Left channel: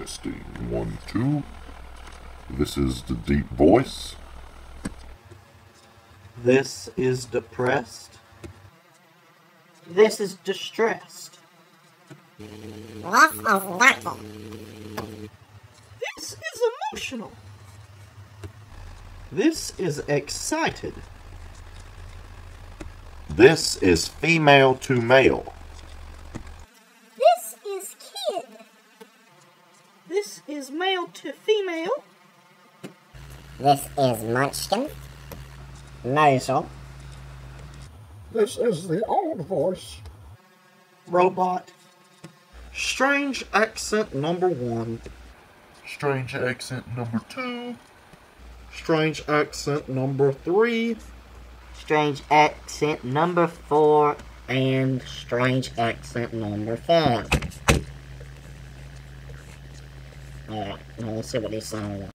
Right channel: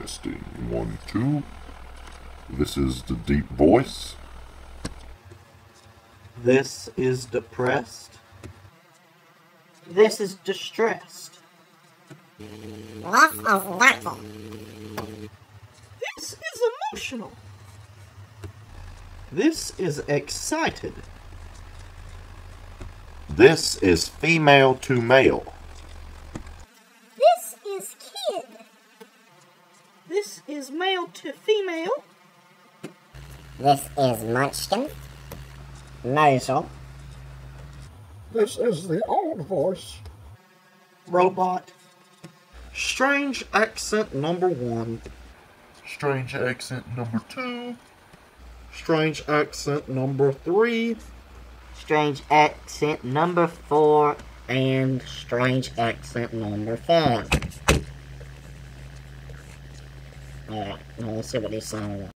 Testing 1, 2. This is the deep voice. This is depressed. This is distressed. This is dirty. This is emotional. This is excited. This is female to male. This is kid. This is male to female. This is munchkin. Nasal. This is the old voice. Robot. Strange accent number 1. Strange accent number 2. Strange accent number 3. Strange accent number 4. And strange accent number 5. Alright, now let's see what he's saying.